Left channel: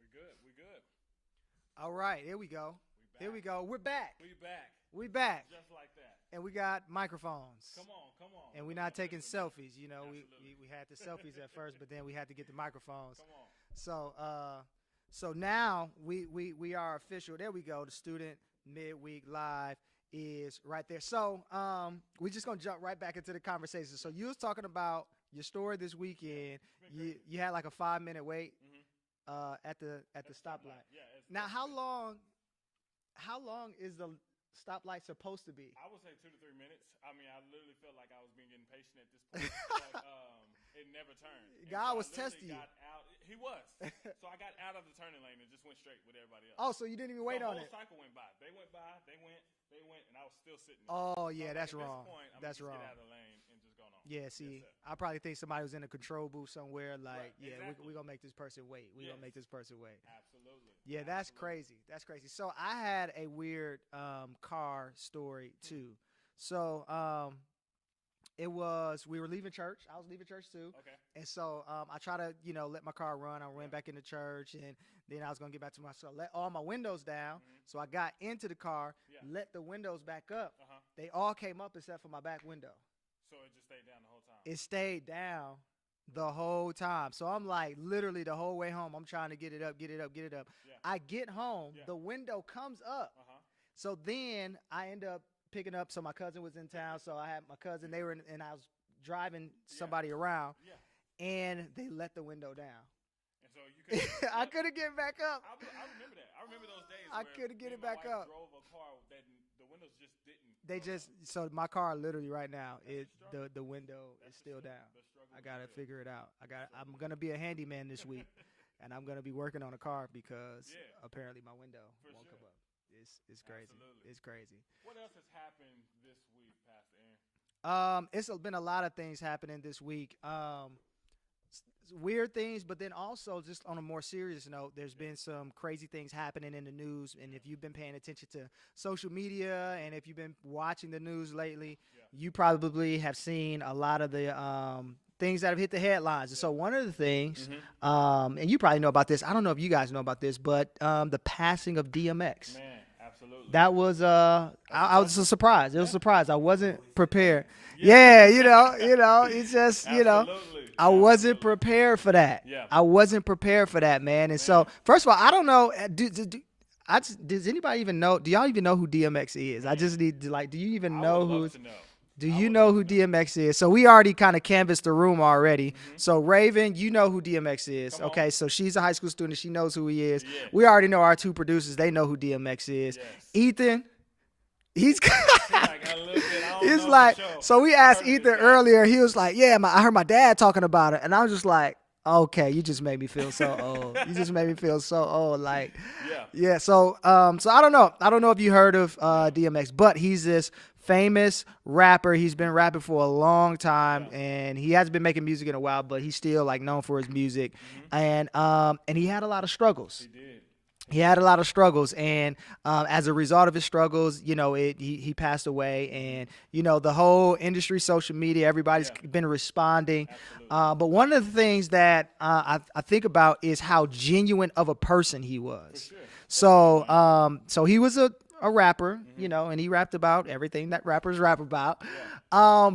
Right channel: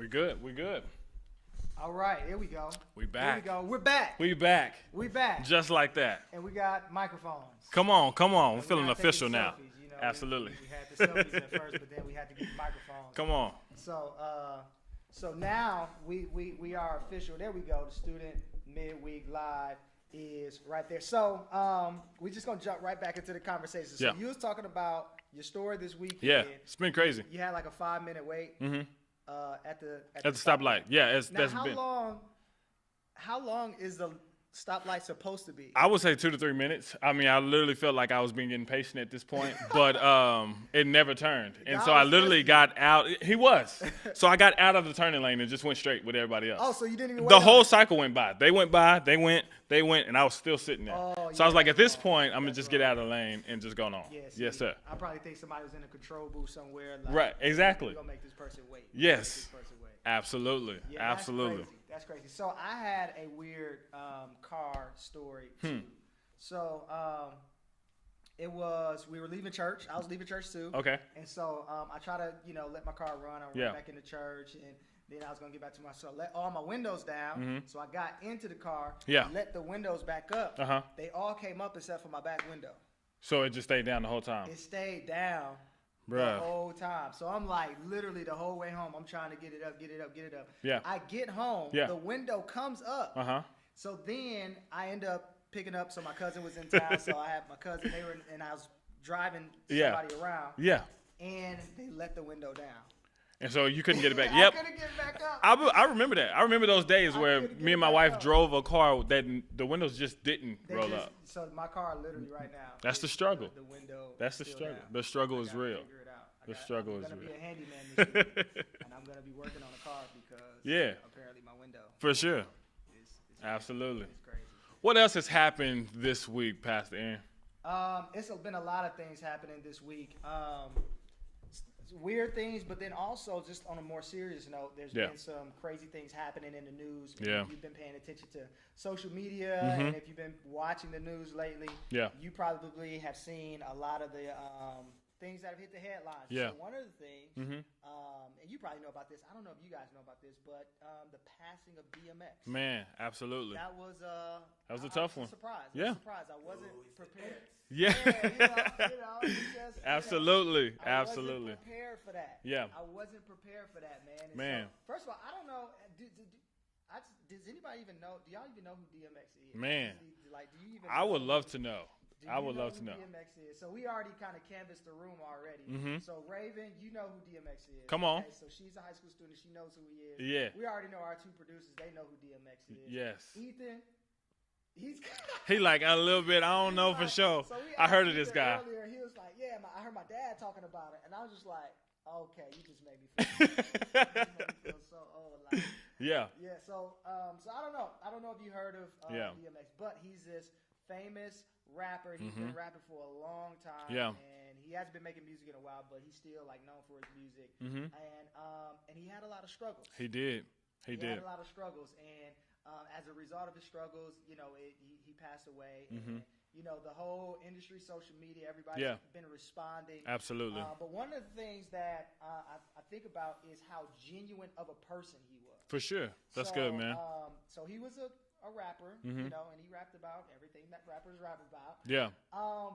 We good. We good. All right, here we go. We back. Here we go. We're back. We back. We back. Just like that. And we got microphones. Come on. We're And feeling not official taking now. selfies, you know. Absolutely. We had the selfies at first, but then we had to get the microphones. Come on. So now we are official. There we go. The Student Midweek Live is right there. So we just gonna jump right back into the conversation. So Yeah. you was talking about your story this weekend. Yeah, it's been crazy. You had like a 5-minute wait at the stoplight. Yeah, Now, that's how been. long is the stoplight supposed to be? I would say 2 to 3 minutes. I mean, I literally felt like I was being getting patient at this point, but it never turned. And God so I was literally testing got out. He was. So I got out of the turning lane and just went straight with everybody else. Oh, so you didn't even wait The on whole it. cycle went by. They went, and I was still sitting there. Oh, So I was yeah, like, at that's this wrong. point, I'm going to That's just get wrong. out of the lane and just go on. Yes, sir. I probably think somebody was in a control booth somewhere. Like, Right, exactly. We're gonna make this person wait. Yes. We're gonna make this person wait. Absolutely. Yeah, Absolutely. That's crazy. So I had a weird car story too. So it was, we were leaving church. I was leaving church too. Okay. And so I try to, let my car run. I Yeah. ran back into church, and then I was gonna get back to my cell. Let all my windows down. So I got into the car. Yeah. Let the windows back up. Uh-huh. They all came up except for my back window. So it just stayed down the whole time. It stayed down the Bruh. whole time. So I'm like, literally the whole way home, I'm trying to get it up. Yeah. I get home. Yeah. The window comes up. Uh-huh. So then I end up picking up. So my cousin was in town. So I had my cousin. They were, and I was driving Yeah. somebody around. Yeah. And they let the window down. And so you couldn't get it back. I Yep. couldn't get back up. I remember that. I remember those days I where couldn't get me and my back wife up. drove a car that the windows just didn't They roll just, up. So my car literally right now. That's the is struggle. The window. That's the still struggle. down. The struggle I is gotta real. Figure it out. The struggle I'm is gonna be real. a handyman this week, and I'm gonna be working on a car because Yeah. apparently my window. For sure. is crazy. Absolutely. It's crazy. What else has happened this week, Pastor Aaron? It's been a lot of things happening this week. Weird things, but then also just on a more serious note, there's Yeah. been some crazy things happening in the news. And Yeah. if you've been paying attention to social media and if you've been watching the news lately, Yeah. you probably have seen a lot of the things that have hit the headlines. Yeah. So one of the things, and you probably know about this. I don't know if you guys know about this, but the passing of DMX. Man, absolutely. That was I was a surprise. It was a Yeah. surprise. I wasn't prepared. Yeah. Yeah, it's just Absolutely. I wasn't Absolutely. prepared for that. Yeah. I wasn't prepared for that, man. And so Man. first of all, I don't know. Does anybody even know? Do y'all even know who DMX is? I Man. just need to do you even I know would who? love to know. Do I you would know love who to know. DMX is? So we already kind of canvassed the room already. Mm-hmm. So Raven, you know who DMX is. Come on. Okay, so she's a high school student. She knows who he is. Yeah. We already know our two producers. They know who DMX is. Yes. Ethan, he's He like a little bit. I don't he's know like, for sure. so we I asked heard of this Ethan guy. earlier. He was like, yeah, I heard my dad talking about it. And I was just like, okay, you just made me feel so old. You just made me feel so old. Like, Yeah. yeah. So I don't know. I don't know if you heard of DMX, but he's this famous rapper. He's been rapping for a long time, Yeah. and he hasn't been making music in a while, but he's still like known for his music. And he had a lot of struggles. He did. He had a lot of struggles, and as a result of his struggles, he passed away, and the whole industry, social media, everybody's Yeah. been responding. Absolutely. But one of the things that I think about is how genuine of a person he was. For sure. That's So good, man. so he was a rapper, and he rapped about everything that rappers rap about. Yeah.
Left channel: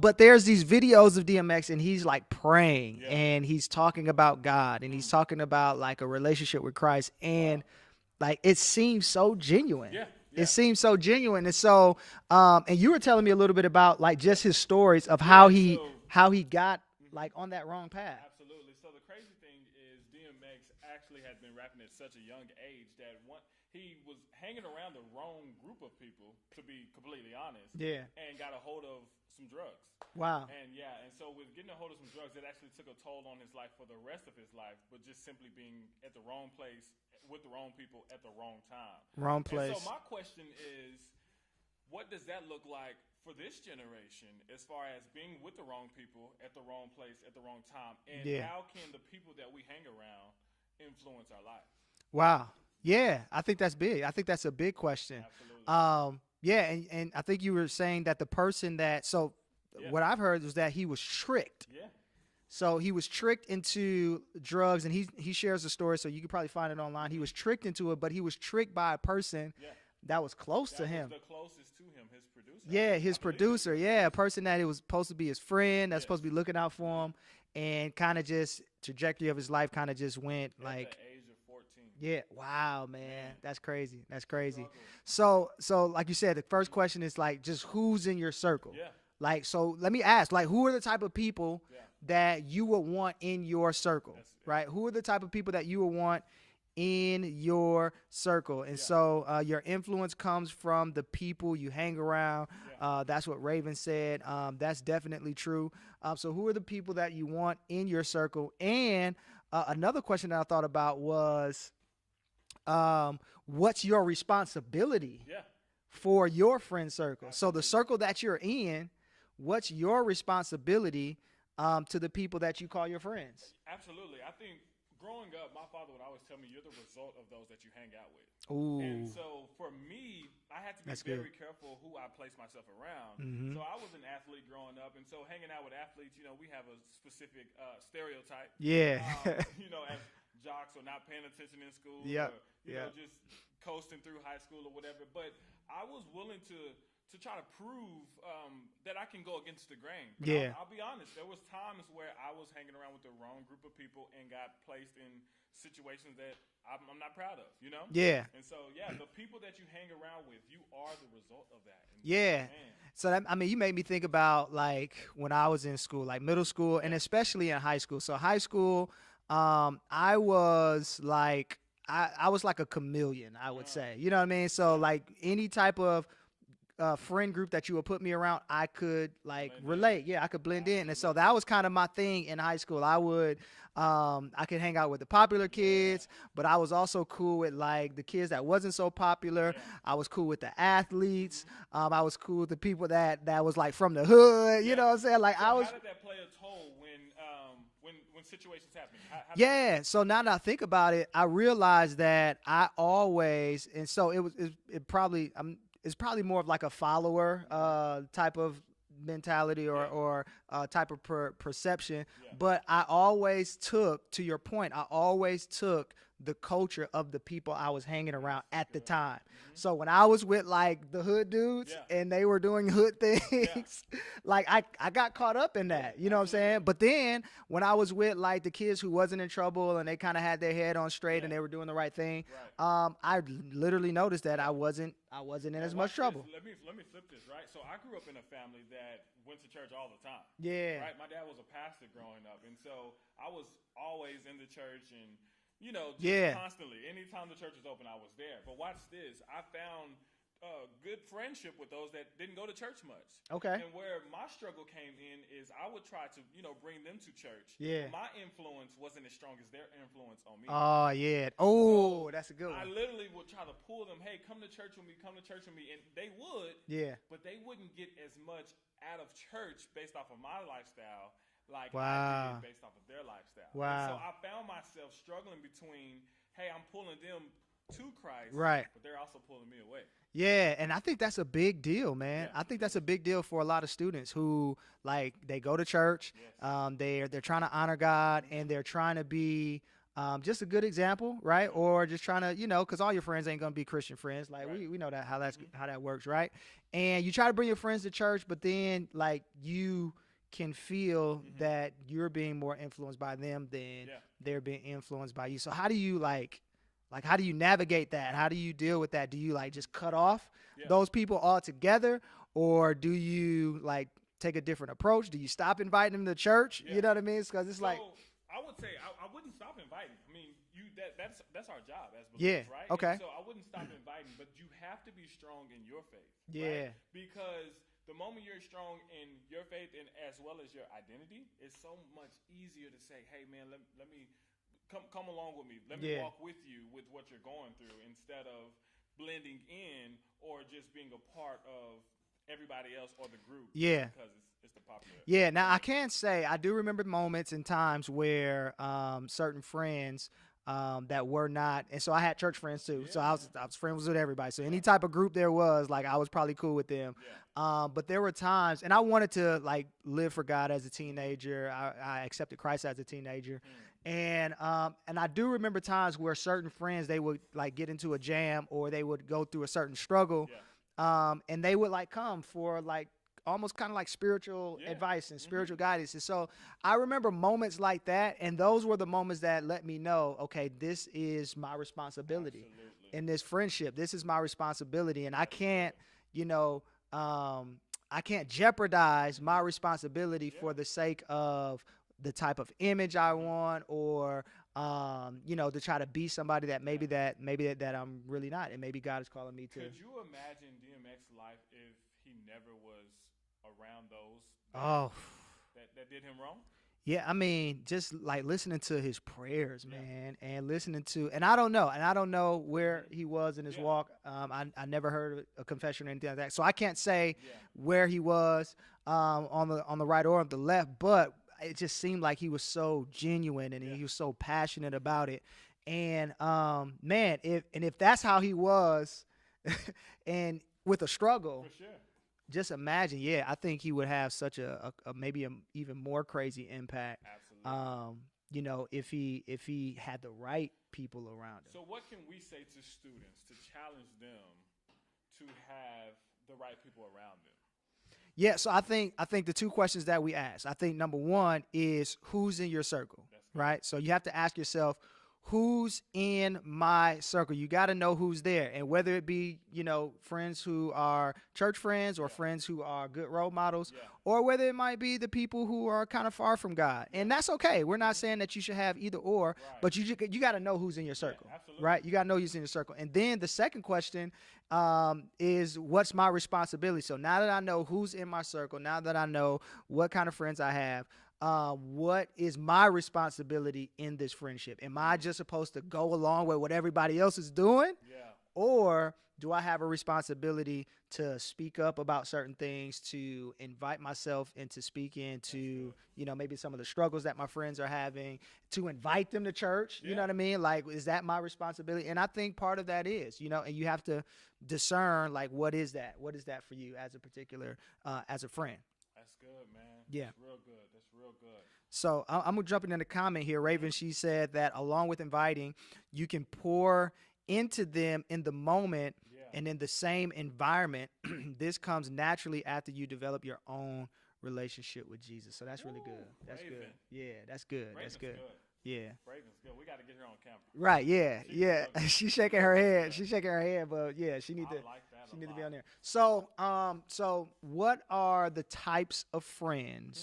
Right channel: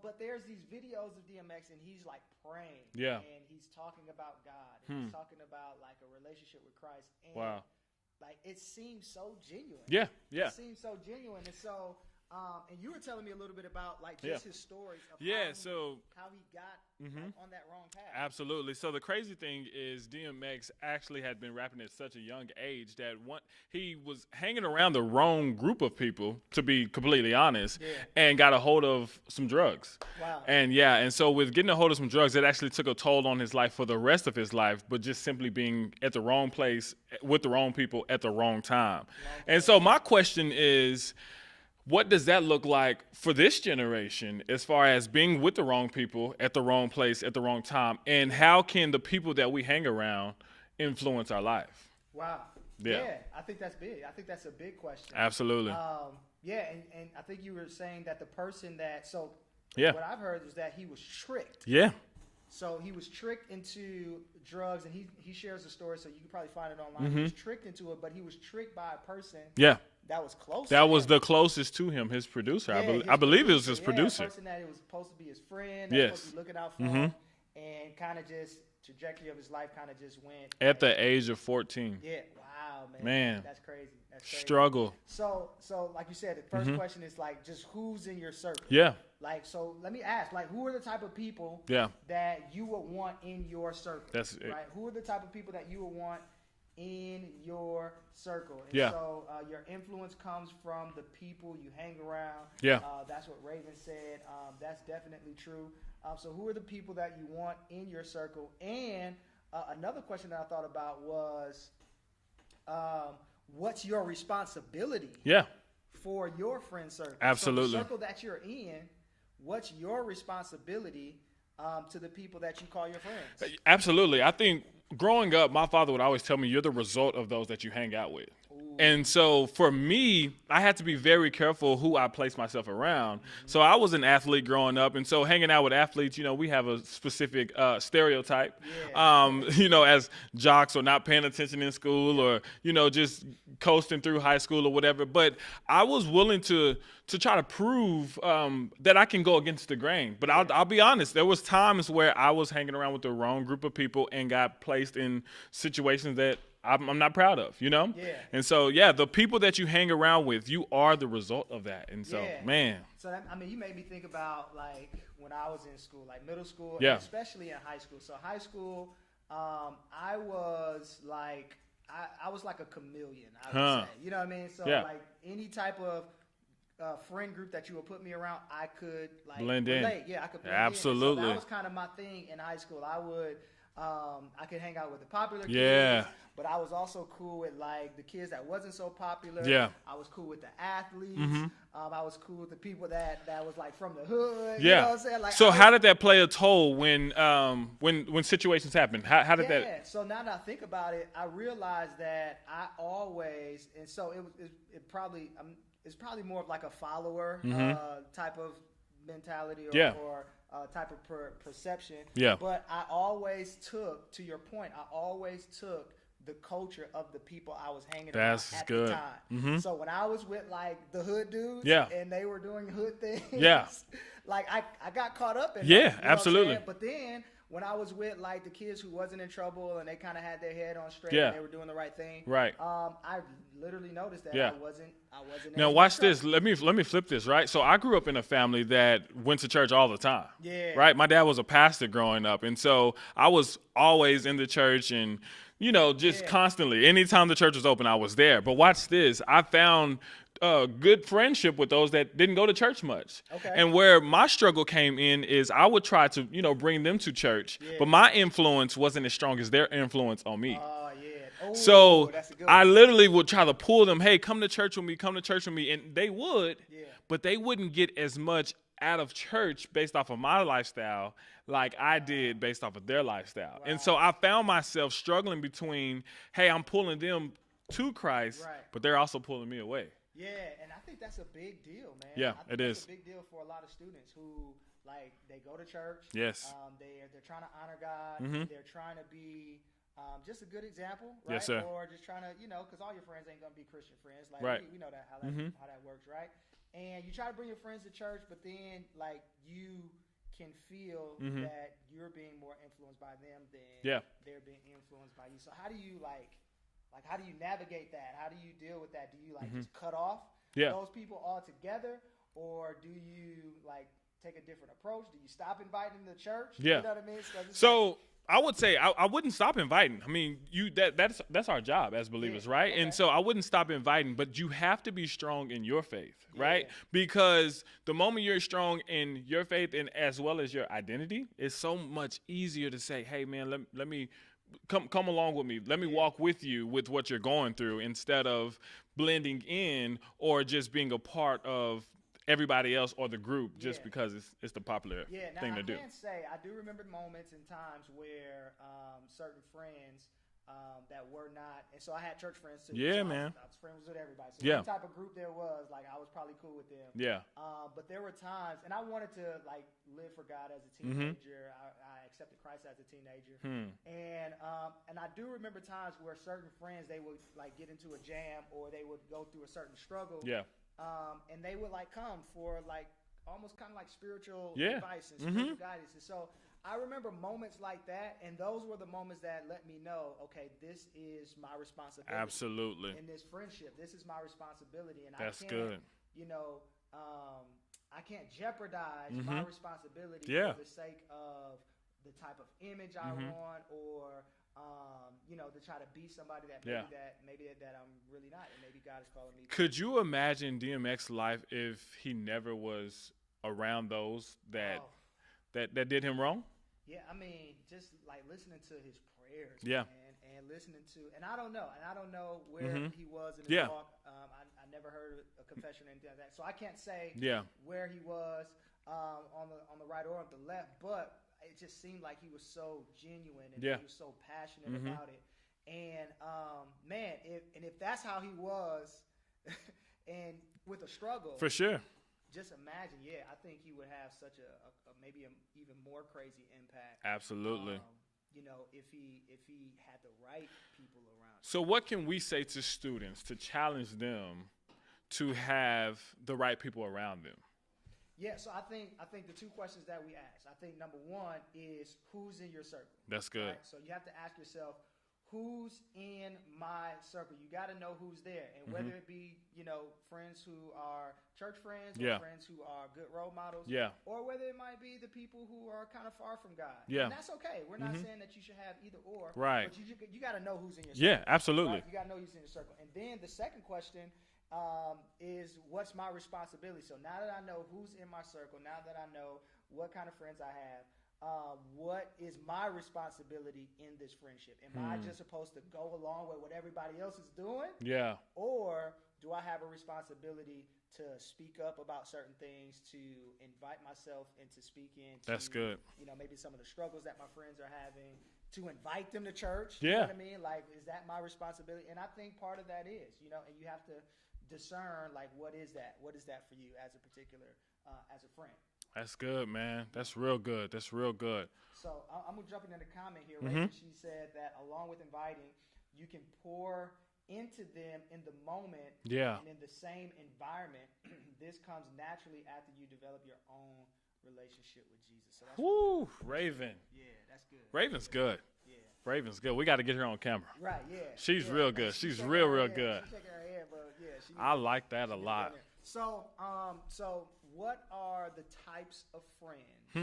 But there's these videos of DMX, and he's like praying, Yeah. and he's talking about God, and he's talking about like a relationship with Christ, and Wow. like it seems so genuine. Yeah. Yeah. It seems so genuine, and so and you were telling me a little bit about like just his stories of how Yeah, he got like on that wrong path. Absolutely. So the crazy thing is DMX actually had been rapping at such a young age that he was hanging around the wrong group of people, to be completely honest, and got a hold of some drugs. Wow. And so with getting a hold of some drugs, it actually took a toll on his life for the rest of his life, but just simply being at the wrong place with the wrong people at the wrong time. Wrong And so place. my question is, what does that look like for this generation as far as being with the wrong people at the wrong place at the wrong time? And how can the people that we hang around influence our life? Wow. Yeah. Yeah, I think that's big. I think that's a big question. Absolutely. Yeah, and I think you were saying that the person that Yeah. what I've heard is that he was tricked. Yeah. So he was tricked into drugs, and he shares the story, so you can probably find it online. He was tricked into it, but he was tricked by a person Yeah. that was close to That him. was the closest to him, his producer. Yeah, I believe it was producer. his Yeah, producer. a person that it was supposed to be his friend, that's Yes. supposed to be looking out for him, and kind of just trajectory of his life kind of just went At the age of 14. Yeah, wow, man. Man. That's crazy. That's crazy. Struggle. So like you said, the first question is like just who's in your circle. Yeah. Like, so let me ask, like, who are the type of people Yeah. that you would want in your circle? That's it. Right. Who are the type of people that you would want in your circle? And Yeah. so your influence comes from the people you hang around. Yeah. That's what Raven said. That's definitely true. So who are the people that you want in your circle? And another question that I thought about was, what's your responsibility Yeah. for your friend circle? Absolutely. So the circle that you're in, what's your responsibility to the people that you call your friends? Absolutely. I think growing up, my father would always tell me, you're the result of those that you hang out with. Ooh. And so for me, I had to be very careful who I place myself around. So I was an athlete growing up. And so hanging out with athletes, we have a specific stereotype. Yeah. As jocks or not paying attention in school Yeah. or, just coasting through high school or whatever. But I was willing to try to prove that I can go against the grain. But Yeah. I'll be honest, there was times where I was hanging around with the wrong group of people and got placed in situations that I'm not proud of, Yeah. And so, the people that you hang around with, you are the result of that. And so, Yeah. man. So, you made me think about, like, when I was in school, like middle school, and especially in high school. So high school, I was like, I was like a chameleon, I would say. You know what I mean? So, like, any type of friend group that you would put me around, I could, like, Blend in. relate. Yeah, I could blend in. And so Absolutely. that was kind of my thing in high school. I would, I could hang out with the popular kids, but I was also cool with, like, the kids that wasn't so popular. Yeah. I was cool with the athletes. I was cool with the people that was, like, from the hood. You know what I'm saying? Like, so how did that play a toll when situations happen? How did that? Yeah. So now that I think about it, I realized that I always, and so it's probably more of like a follower type of mentality or type of perception. Yeah. But I always took, to your point, I always took the culture of the people I was hanging around That's at good. the time. So when I was with, like, the hood dudes and they were doing hood things, like, I got caught up in that. You know absolutely. what I'm saying? But then when I was with, like, the kids who wasn't in trouble and they kind of had their head on straight and they were doing the right thing, right. I literally noticed that I wasn't in Now as watch much this. Let me flip this, right? So I grew up in a family that went to church all the time. Yeah. Right? My dad was a pastor growing up, and so I was always in the church and just constantly. Anytime the church was open, I was there. But watch this. I found good friendship with those that didn't go to church much. Okay. And where my struggle came in is I would try to, bring them to church, but my influence wasn't as strong as their influence on me. Oh, yeah. Oh, So that's a good I one. literally would try to pull them, hey, come to church with me, and they would, Yeah. but they wouldn't get as much out of church based off of my lifestyle like I Wow. did based off of their lifestyle. Wow. And so I found myself struggling between, hey, I'm pulling them to Christ, Right. but they're also pulling me away. Yeah, and I think that's a big deal, man. Yeah, I think it that's is. a big deal for a lot of students who, like, they go to church. Yes. They're trying to honor God and they're trying to be just a good example, right? sir. Or just trying to, because all your friends ain't gonna be Christian friends. Like, Right. we know that how that works, right? And you try to bring your friends to church, but then, like, you can feel that you're being more influenced by them than they're being influenced by you. So how do you how do you navigate that? How do you deal with that? Do you just cut off those people altogether, or do you take a different approach? Do you stop inviting them to church? Yeah. You know what I mean? 'Cause it's So I would say I wouldn't stop inviting. I mean, that's our job as believers, right? Okay. And so I wouldn't stop inviting, but you have to be strong in your faith, right? Yeah. Because the moment you're strong in your faith and as well as your identity, it's so much easier to say, hey man, let me come along with me. Let me walk with you with what you're going through instead of blending in or just being a part of everybody else or the group just because it's the popular Yeah, now thing I to do. can say I do remember moments and times where certain friends that were not, and so I had church friends too. Yeah, so I man. was friends with everybody. So Yeah. any type of group there was, like, I was probably cool with them. Yeah. But there were times, and I wanted to like live for God as a teenager. I accepted Christ as a teenager, and I do remember times where certain friends, they would like get into a jam or they would go through a certain struggle. Yeah. And they would like come for like almost kind of like spiritual advice and spiritual guidance. And so I remember moments like that, and those were the moments that let me know, okay, this is my responsibility. Absolutely. In this friendship, this is my responsibility, and That's I can't, good. you know, I can't jeopardize my responsibility for the sake of the type of image I want, or you know, to try to be somebody that maybe that I'm really not, and maybe God is calling me to. Could you imagine DMX's life if he never was around those that did him wrong? Yeah, I mean, just like listening to his prayers, Yeah. man, and listening to, and I don't know where he was in his walk. I never heard a confession or anything like that, so I can't say where he was on the right or on the left, but it just seemed like he was so genuine, and he was so passionate about it. And man, if that's how he was, and with a struggle, For sure. just imagine. Yeah, I think he would have such a maybe an even more crazy impact. Absolutely. You know, if he had the right people around him. So what can we say to students to challenge them to have the right people around them? Yeah, so I think the two questions that we ask, I think number one is, who's in your circle? That's good. Right? So you have to ask yourself, who's in my circle? You got to know who's there. And whether it be, you know, friends who are church friends, or friends who are good role models, or whether it might be the people who are kind of far from God. And that's okay. We're not saying that you should have either or, but you got to know who's in your circle. Yeah, absolutely. Right? You got to know who's in your circle. And then the second question is, what's my responsibility? So now that I know who's in my circle, now that I know what kind of friends I have, what is my responsibility in this friendship? Am I just supposed to go along with what everybody else is doing? Yeah. Or do I have a responsibility to speak up about certain things, to invite myself into speaking, to, That's good. you know, maybe some of the struggles that my friends are having, to invite them to church? You know what I mean? Like, is that my responsibility? And I think part of that is, you know, and you have to discern, like, what is that? What is that for you as a particular, as a friend? That's good, man. That's real good. That's real good. So I'm going to jump in the comment here. Raven, she said that along with inviting, you can pour into them in the moment and in the same environment. This comes naturally after you develop your own relationship with Jesus. So that's really good. That's Raven. good. Yeah, that's good. Raven's good. Yeah. Raven's good. We got to get her on camera. Right, yeah. She's real good. She's shaking her head. She's shaking her head, but yeah, she needs I like that a lot. So, so what are the types of friends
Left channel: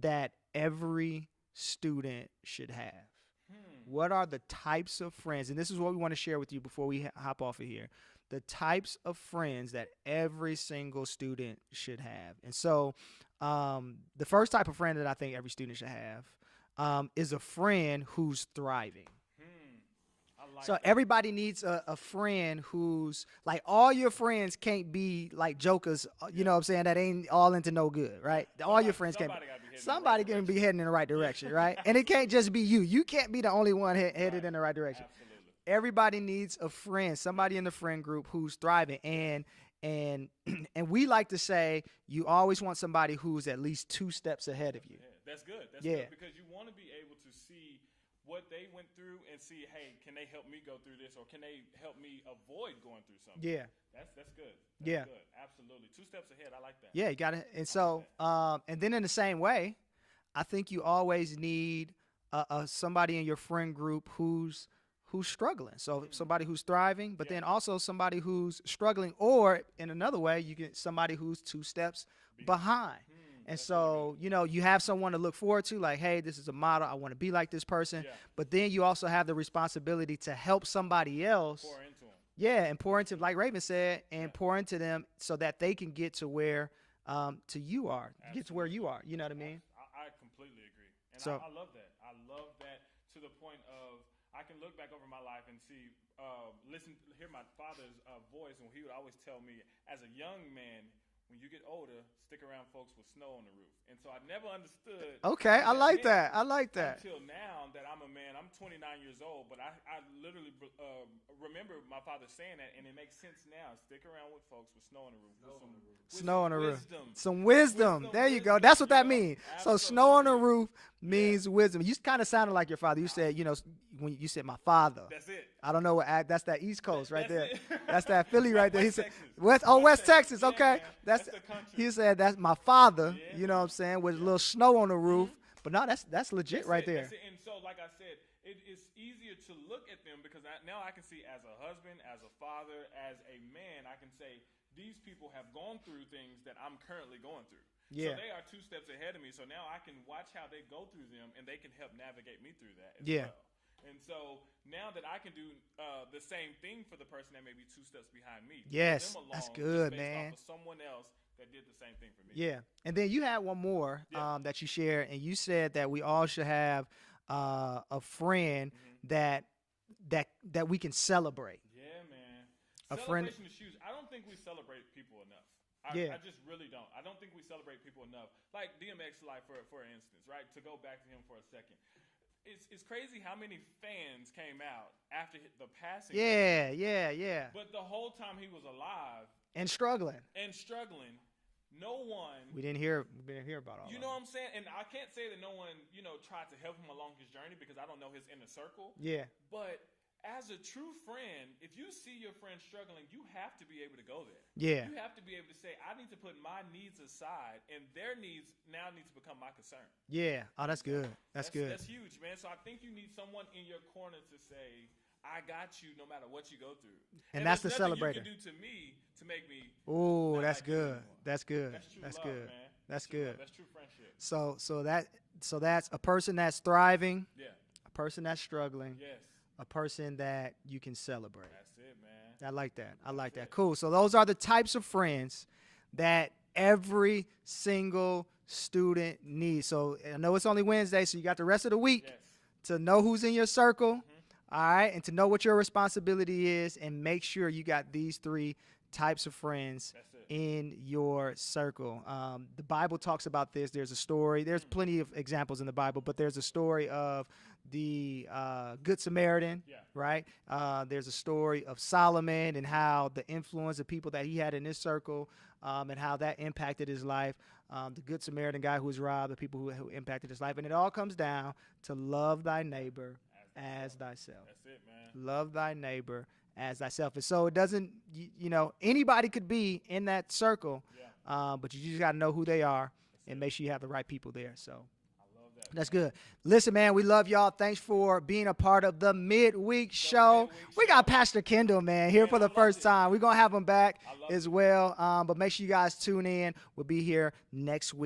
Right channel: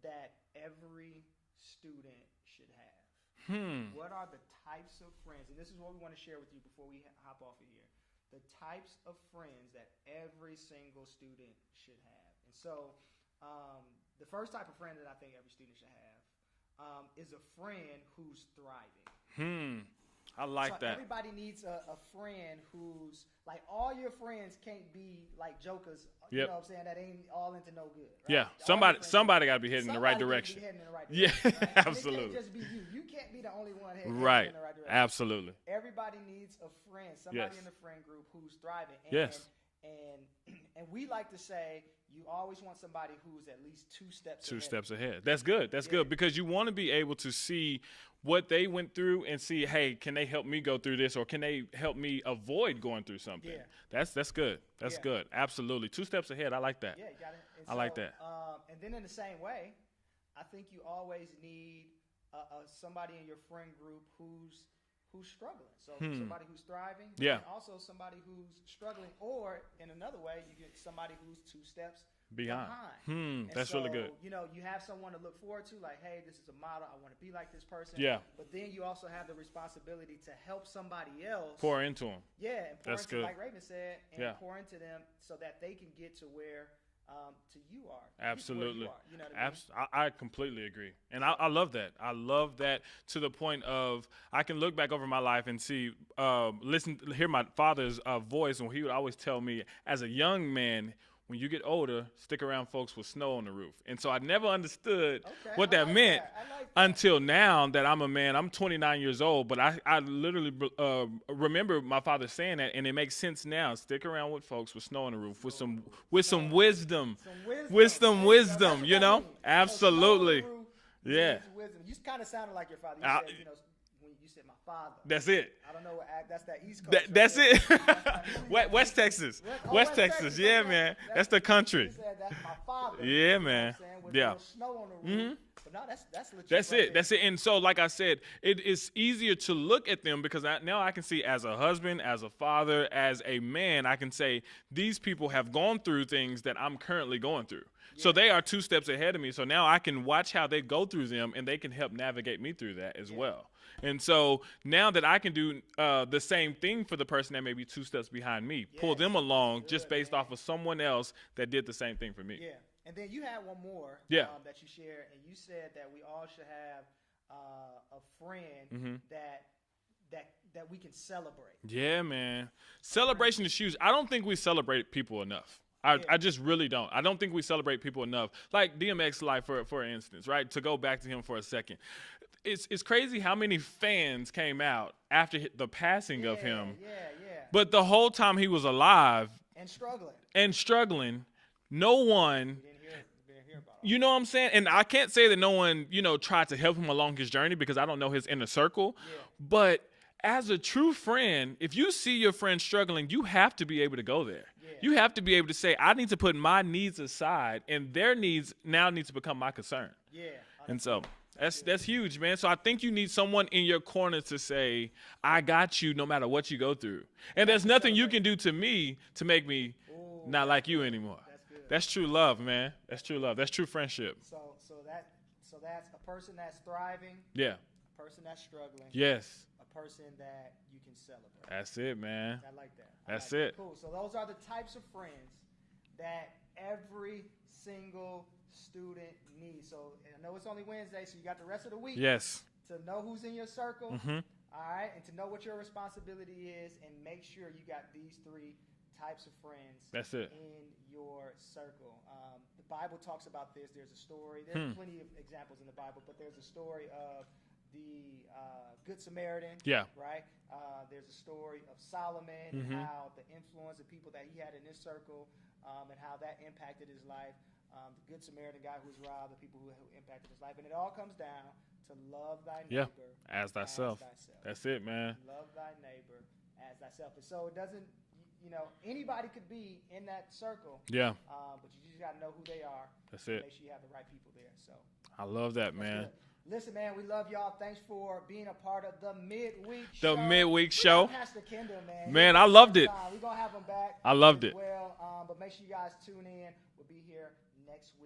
that every student should have? What are the types of friends? And this is what we want to share with you before we hop off of here. The types of friends that every single student should have. And so the first type of friend that I think every student should have is a friend who's thriving. I like so that. Everybody needs a friend who's like, all your friends can't be like jokers, you know what I'm saying, that ain't all into no good, right? Yeah, somebody got to be heading in the right direction. Somebody can be heading in the right direction, right? And it can't just be you. You can't be the only one heading in the right direction. Absolutely. Everybody needs a friend, somebody in the friend group who's thriving. And we like to say you always want somebody who's at least two steps ahead. 2 steps ahead. That's good. That's good, because you want to be able to see what they went through and see, hey, can they help me go through this, or can they help me avoid going through something? Yeah. That's good. That's good. Absolutely. 2 steps ahead. I like that. Yeah, you got it. And I so, like that. And then in the same way, I think you always need somebody in your friend group who's struggling. So somebody who's thriving, but then also somebody who's struggling, or in another way, you get somebody who's 2 steps behind. And that's so, really good. you know, you have someone to look forward to, like, hey, this is a model. I want to be like this person. Yeah. But then you also have the responsibility to help somebody else. Pour into them. Yeah, and pour That's into, good. like Raven said, and pour into them so that they can get to where you are. Absolutely. Get to where you are. You know what I mean? I completely agree. And So- I love that. I love that, to the point of I can look back over my life and see, hear my father's voice, when he would always tell me, as a young man, when you get older, stick around folks with snow on the roof. And so I never understood what I that like meant. that. I like that. Until now that I'm a man. I'm 29 years old, but I literally remember my father saying that, and it makes sense now. Stick around with folks with snow on the roof, with some wisdom. Some wisdom. Wisdom. That's what that means. Absolutely. So snow on the roof means wisdom. You kind of sounded like your father. You said, when you said my father. That's it. I don't know what that's that East Coast. That's there. it. That's that Philly right there. West Texas. West Texas. Yeah, okay. man. That's the country. You said that's my father. Yeah, you know what I'm saying? With a little snow on the roof. But no, that's legit right there. That's it. And so, like I said, it is easier to look at them because now I can see as a husband, as a father, as a man, I can say these people have gone through things that I'm currently going through. Yeah. So they are 2 steps ahead of me. So now I can watch how they go through them, and they can help navigate me through that as well. And so now that I can do the same thing for the person that may be 2 steps behind me, pull them along just based off of someone else that did the same thing for me. Yeah. And then you had one more that you shared, and you said that we all should have a friend that we can celebrate. Yeah, man. Celebration is huge. I don't think we celebrate people enough. I just really don't. I don't think we celebrate people enough. Like DMX life, for instance, right? To go back to him for a second. It's crazy how many fans came out after the passing of him. Yeah. But the whole time he was alive and struggling, no one. We didn't hear about all. You know what I'm saying? And I can't say that no one, tried to help him along his journey because I don't know his inner circle. Yeah. But as a true friend, if you see your friend struggling, you have to be able to go there. Yeah. You have to be able to say, I need to put my needs aside, and their needs now need to become my concern. Yeah. Oh, that's good. That's huge, man. So I think you need someone in your corner to say, I got you no matter what you go through. And there's nothing you can do to me to make me not like you anymore. That's good. That's true love, man. That's true love. That's true friendship. So that's a person that's thriving. Yeah. A person that's struggling. Yes. A person that you can celebrate. That's it, man. I like that. I That's like it. that. Cool. So those are the types of friends that every single student needs. So I know it's only Wednesday, so you got the rest of the week to know who's in your circle, all right, and to know what your responsibility is, and make sure you got these 3 types of friends in your circle. The Bible talks about this. There's a story. There's plenty of examples in the Bible, but there's a story of the Good Samaritan, right? There's a story of Solomon and how the influence of people that he had in his circle and how that impacted his life. The Good Samaritan guy who was robbed, the people who impacted his life. And it all comes down to love thy neighbor as thyself. That's it, man. Love thy neighbor as thyself. And so it doesn't, anybody could be in that circle. Yeah. But you just got to know who they are. That's and it. make sure you have the right people there. So I love that, That's man. good. Listen, man, we love y'all. Thanks for being a part of the midweek show. We got Pastor Kendall, man. Here Man, for I the loved first it. time. We're going to have him back I loved as it. well. But make sure you guys tune in. We'll be here next week.